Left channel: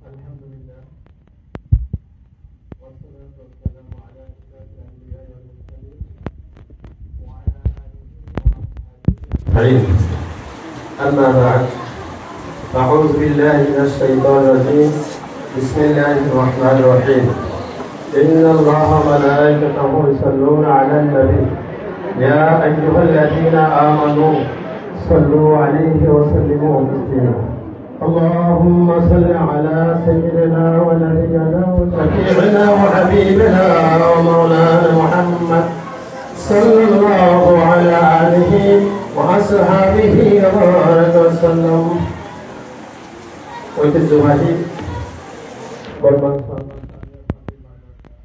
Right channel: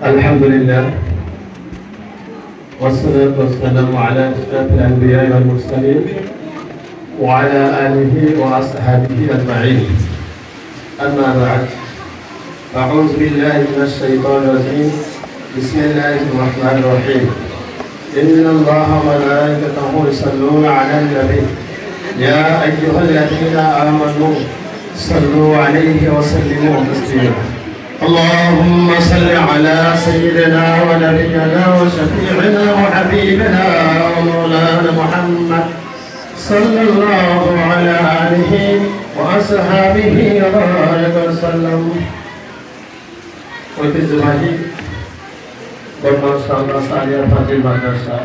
الحمد لله والصلاة والسلام على أشرف الأنبياء والمرسلين وعلى آله وأصحابه أجمعين. أما بعد، أعوذ بالله من الشيطان الرجيم. بسم الله الرحمن الرحيم. إن الله وملائكته يصلون على النبي يا أيها الذين آمنوا صلوا عليه وسلموا تسليما. اللهم صل على سيدنا ونبينا وشفيعنا وحبيبنا ومولانا محمد صلى الله على آله وأصحابه وبارك وسلم. ঐতিহ্যবাহী বর্তমান শাহবাজ আলিয়া ফাজিল মাদ্রাসা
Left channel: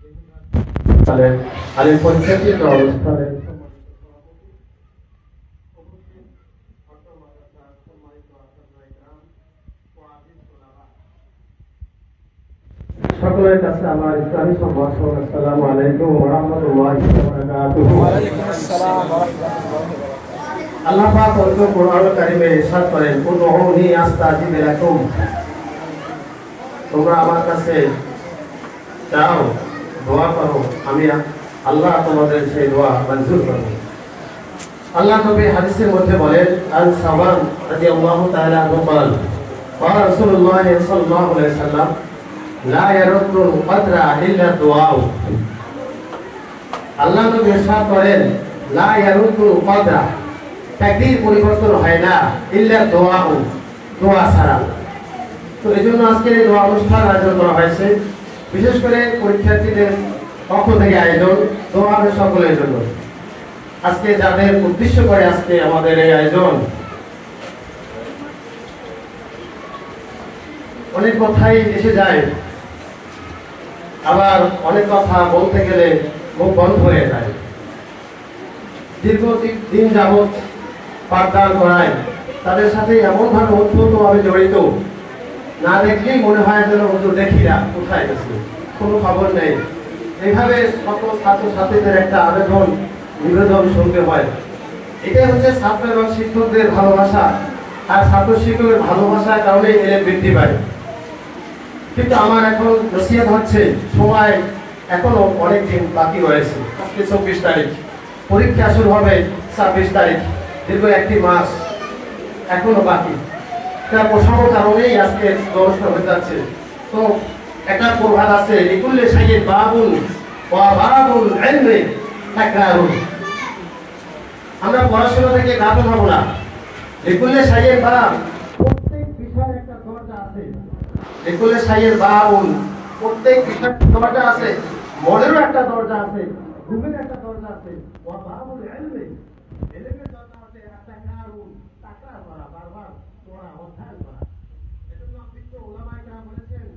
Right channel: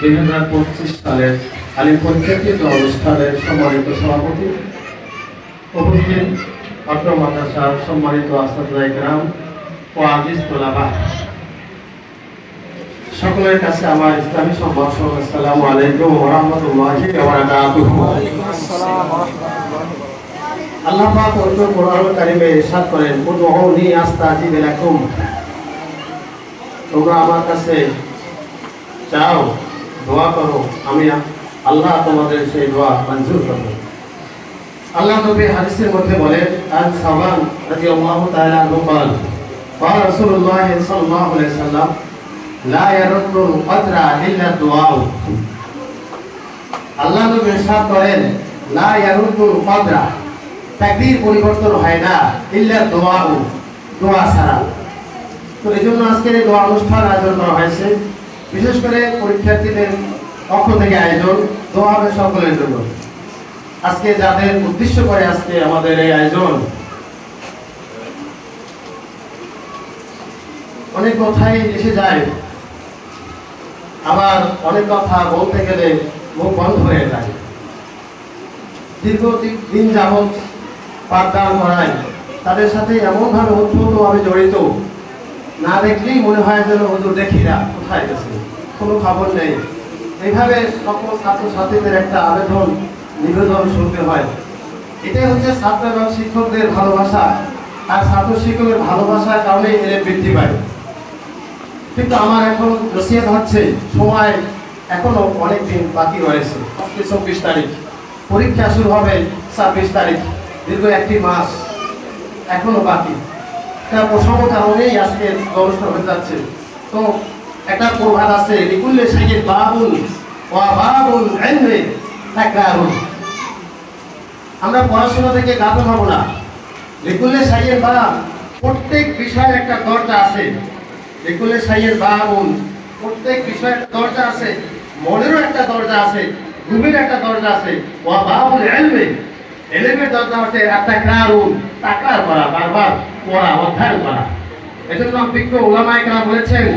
2025 সালের আলিম পরীক্ষার্থী অনুষ্ঠানের সম্মানিত সভাপতি, উপস্থিত অত্র মাদ্রাসার সম্মানিত আসাদুল্লাহ ইকরাম ও আজিজ তোলাবা, সকলের কাছে আমার ইসলামী সম্ভাষণ আসসালামু আলাইকুম ওয়া রাহমাতুল্লাহি ওয়া বারাকাতুহু। আল্লাহ পাক পবিত্র কোরআন কারীমে ইরশাদ করেন, উদউনি আস্তাজিব লাকুম, তোমরা আমার কাছে চাও, দোয়া করো, আমি আল্লাহ তোমাদের সেই দোয়া মঞ্জুর করব। আল্লাহ নবী হাদিসের মধ্যে বলেন, আন সাওয়ান রাদিয়াল্লাহু তাআলা আনহু বলেন, ওয়া রাসূলুল্লাহ সাল্লাল্লাহু আলাইহি ওয়াসাল্লাম লা ইয়ারুদ্দুল কদরা ইল্লা দুআ। আল্লাহ নবী ইরশাদ করেন, লা ইয়ারুদ্দুল কদরা, তাকদীর পরিবর্তন হয় না, ইল্লা দুআ, দোয়া ছাড়া। তো এজন্য আজকের এই দোয়া অনুষ্ঠান আয়োজন করা হয়েছে, বিশেষ করে পরীক্ষার্থীদের পক্ষ থেকে আয়োজন, দোয়া হবে সকলের জন্য। আজকে যাদের উদ্দেশ্য করে আজকে আমাদের এই আয়োজন, অনেক কথাই এসে যায়, আবার অনেক কথা বলতে গেলে মুখ বন্ধ হয়ে যায়। দীর্ঘদিন যাবৎ পাঠদান করায় তাদের সাথে এমনভাবে ওতপ্রোতভাবে জড়িত, না দেখলেই মনে হয় যেন হুজুর দেখি না, কোথায় গেছে, কোনো খবর নেই। এইভাবে সকল ছাত্রছাত্রীদের একটা আবেদন নিবেদন শুনতে হয়। এটাই হচ্ছে ছাত্র এবং শিক্ষকদের ভালোবাসা, আর ছাত্র শিক্ষকের ভালোবাসার কারণে এর বৃদ্ধি পায়। কিন্তু আমার এখন নসিহত হচ্ছে, সময় এখনো অনেক দিন বাকি রয়েছে। 24 তারিখ পরীক্ষা শুরু হবে, 26 তারিখ, দীর্ঘ একটি মাস এখনো বাকি। তার প্রসঙ্গ কারণেই আজকে অনুষ্ঠান হয়ে যাচ্ছে। তো একটা প্রভাব আছে, লিকুল্লি শাইইন বাবুন ওয়া বাবুল ইলমি তাকরারুন। আমরা পড়াশোনা থেকে গাফিল হব না। লিকুল্লি শাইইন বাব, প্রত্যেক বিষয়ের একটা দরজা আছে। লিকুল্লি শাইইন বাবুন, প্রত্যেক বিষয়ের দরজা আছে। মনেরও একটা দরজা আছে, রূহের একটা দরজা আছে। ওয়া বাবুল ইলমি, ইলমের দরজা হচ্ছে তাকরারুন, তাকরার করা, বারবার পড়া, অধ্যয়ন করা। এজন্য বিজ্ঞ উলামায়ে কেরাম বলেছেন,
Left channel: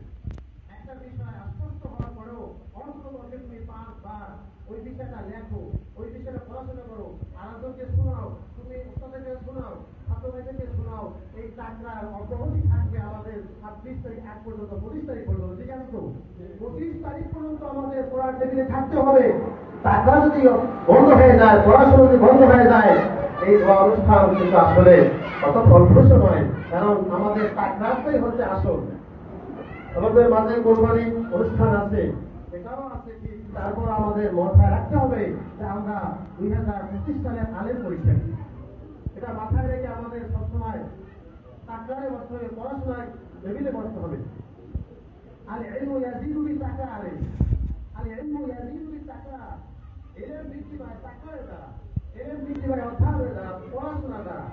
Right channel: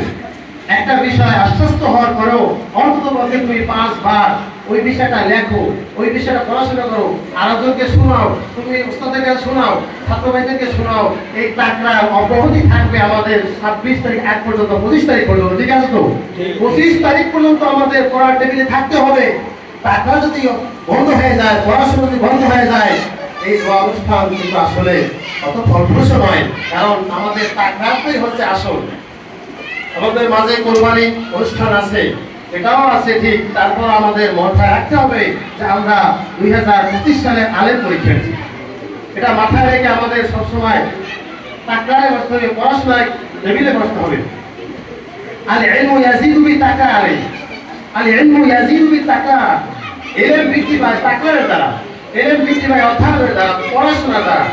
একটা বিষয় আশ্বস্ত হওয়ার পরেও অন্ততপক্ষে তুমি 5 বার ওই বিষয়টা লেখো, ওই বিষয়টা পড়াশোনা করো, আরেকজনকে শোনাও, তুমি উস্তাদকে শোনাও, ছাত্র ভাইদেরকে শোনাও। এই তাকরার অব্যাহতি থাকবে আমাদের 26 তারিখ এক পর্যন্ত, 25 তারিখ পর্যন্ত। ঠিক আছে তো? 25 তারিখ পর্যন্ত আমাদের পড়ার টেবিলে থাকতে হবে। তাকরা যদি বন্ধ হয়ে যায়, পড়াশোনা যদি বন্ধ হয়ে যায়, এই দোয়া অনুষ্ঠান কিন্তু আসলে অত ফলপ্রসূ নয়। কারণ আমাদের তাকরাটাই হচ্ছে আসল। আমাদের মাঝে কোরবানি অনুষ্ঠান আছে, এটাও আছে ঠিক। তারপর আমাদের মাথায় রাখতে হবে যে আমরা 2025 সালের আলেম পরীক্ষার্থী। এটা মাথায় রেখে আমাদের সবসময় তাকরারে বসতে হবে, পড়াশোনায় টেবিলে বসতে হবে। আল ইলমু ইয়াজিদু বিতাকরার, আল ইলমু ইয়াজিদু বিতাকরার। ইলম বৃদ্ধি পায় তাকরারের দ্বারা, ইলম বৃদ্ধি পায় অধ্যয়নের দ্বারা, পড়াশোনার দ্বারা।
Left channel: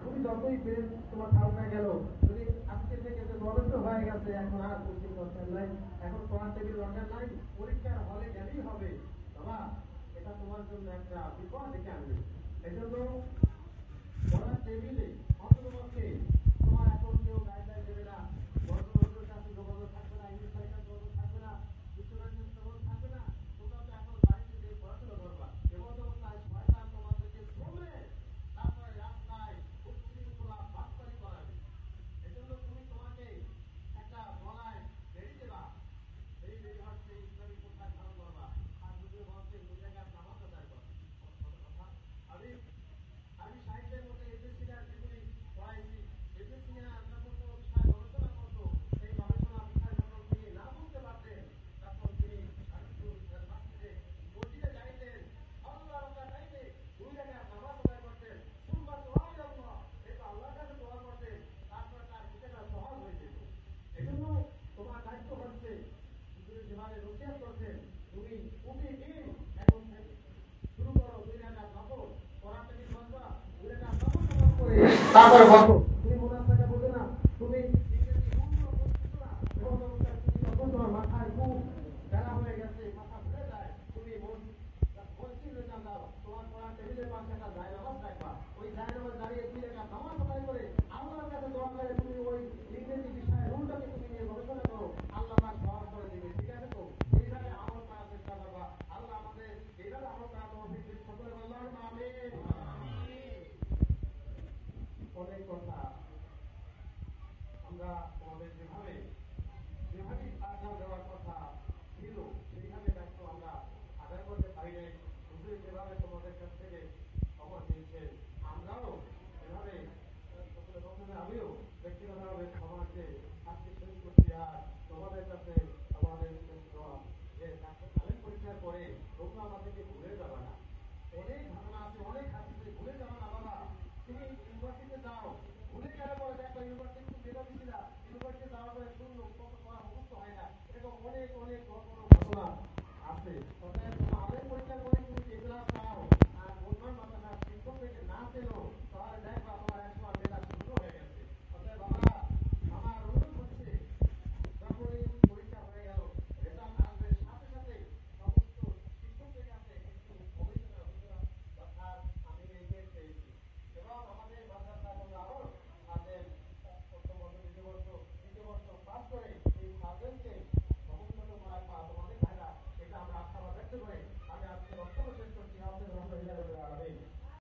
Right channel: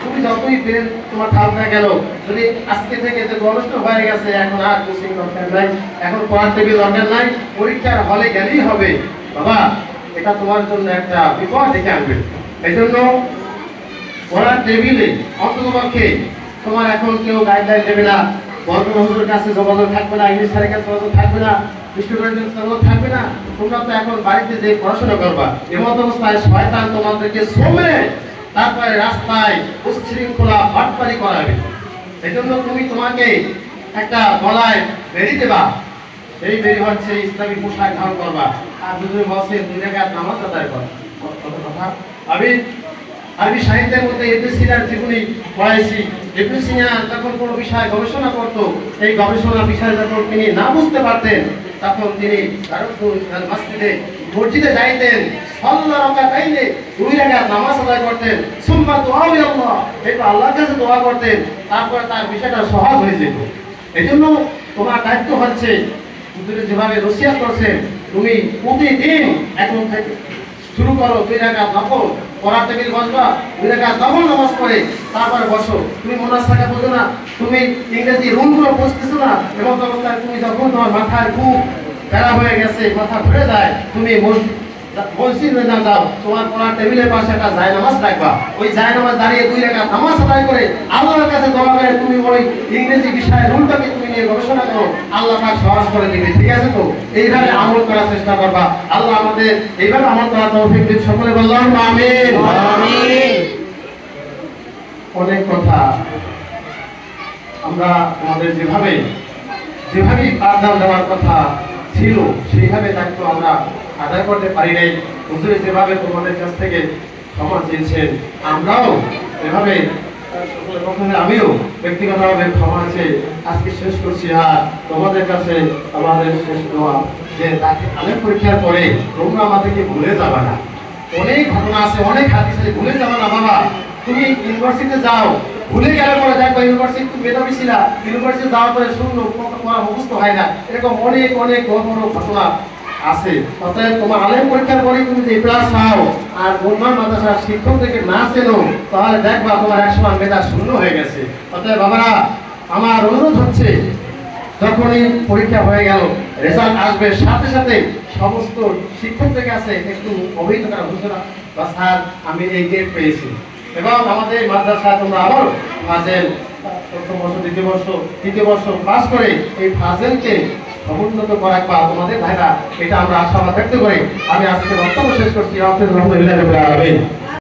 তুমি যতই ব্রেন তোমার ঠান্ডা গেল, যদি আজকে থেকে যে অনুষ্ঠান হয়ে গেছে, এখন আর কোচিং দরকার নাই, এখন পড়ার টেবিল দরকার নাই, পরীক্ষার হলে গেলেই হবে, বাবা এটা তোমার জন্য একটা বিপদ ডেকে আনবে। এই জন্য পড়ার টেবিলে অন্ততপক্ষে তোমার এখন কেউ গাইডলাইন দেবে না, বঙ্গবন্ধুর কাছে যোগাযোগ থাকবে না, ইংলিশ স্যারের কাছে যোগাযোগ থাকবে না, বিশ্ববিদ্যালয়ের যোগাযোগ থাকবে না। তোমরা তো এখন বাড়িতে যে পড়াশোনা করবা, এমত অবস্থায় শয়তান তোমাদেরকে শ্রমে তারপরে রাস্তায় উচ্ছৃঙ্খলা বাটপারি করাবে। এই জন্য তুমি তোমাকে একটা গলায় বেরি দেবা, সেই বেরি হচ্ছে ইসলামী পোশাক ধারণ করবা। আর যদি বসে 2 রাকাত নামাজ আদায় করো, কথা আমি আরবি সাহিত্যের মধ্যে ইবনে সিনার জীবনী পড়াইছি। ইবনে সিনা যখন কোনো বিষয় গবেষণা করত, এই গবেষণা বিষয় যখন তিনি না বুঝতে পারতেন, তখন তিনি মসজিদে মসজিদে যাইতেন, সাল্লা রাকাতাইনে, 2 রাকাত নামাজ আদায় করতেন, সুম্মা দুআ ইলাল্লাহ, এটা আল্লাহর কাছে দোয়া করতেন, তারপর তার বিষয়টা সহজ হয়ে যেত। এজন্য তোমার দায়িত্ব হচ্ছে, হুজুরে যেভাবে নসিহত করছেন, তুমি প্রতিদিন এখন থেকে শুরু করো 2 রাকাত নফল, পড়ার টেবিল বসবা, 2 রাকাত নফল নামাজ পড়ে তারপরে বসো। তুমি মুনাফাকা বোঝো না, তুমি ইংরেজি রুলগুলো বুঝতেছো না, এবং অবস্থায় তুমি যখন তোমার মাথায় খুব প্যারা হয়ে গেছে, মাথা ঘুরে যায়, তুমি মসজিদে না যাও, তোমার পড়ার টেবিলের পাশে একটা জায়নামাজ রাখবা। ওই জায়নামাজ দাঁড়িয়ে 2 রাকাত নামাজ আদায় করে আল্লাহর কাছে দোয়া করে তুমি ওই ইংরেজি বিষয়ের রুলটাকে তুমি নিয়ে গবেষণা করো, আল্লাহ পাক সহজ করে দিবে। ঠিক আছে তো? এইভাবে আমল করার চেষ্টা করবা। আল্লাহ আমাদের এইভাবে আমল করার তৌফিক দিন। সকলে বললাম আমিন। আমিন। অনেক কথা আমরা আমাদের যেভাবে পাঠদান দেওয়ার কথা ছিল, সেইভাবে দায়িত্ব আমরা আদায় করতে পারি নাই। হুজুরে যেভাবে তোমাদের কাছ থেকে ক্ষমা চেয়েছেন, আমরাও এভাবে আমিও ব্যক্তিগতভাবে ক্ষমা চেয়ে আজকে শেষ করছি। আর তোমাদের কাছে আমাদের শেষ দোয়া যে তাকে আলেম পরীক্ষার পরে তোমরা আমাদেরকে ভুলে যাবা না। অনেক ঘটনা আছে, অনেক হাদিস আছে, ভুলে যাবা না বাবা। তুমি ইউনিভার্সিটিতে যাও, ভুলে গেলে পরে দেখো ইউনিভার্সিটি তুমি মেধাবী ছিলা, ইউনিভার্সিটি যাওয়ার পরে শূন্য পড়া মুখস্থ হয় না। এরকম অনেক অনেক বড় বড় ঘটনা আছে। অতএব তোমার আলেম পরীক্ষার পরে তুমি যদি ক্লাস পাও আর বন্ধন মাদ্রাসার শিক্ষক থেকে না চেনো, তাহলে দেখবা তোমার 100 মেধা শূন্য হয়ে গেছে। অতএব বাবারা, আমার অনুরোধ হচ্ছে, যখনই পরীক্ষা হয়ে গেল, রেজাল্ট আসবে, সাথে সাথে সমস্ত শিক্ষকদের কাছে একটু অবহিত করা, হুজুরা বা স্যার আমি এই গ্রেড পেয়েছি। এবং আমাদের মাদ্রাসায় তোমরা আবার ফাজেল প্রথম বর্ষ, দ্বিতীয় বর্ষ, তৃতীয় বর্ষ পাস করে এই ফাজেলকে সমুন্নত করা বা তোমাদের ভাইরা, এটা আমরা আশাবাদ ব্যক্ত করি। আমি আজকে বক্তব্য শেষ করছি। আলহামদুলিল্লাহ রাব্বিল আলামিন।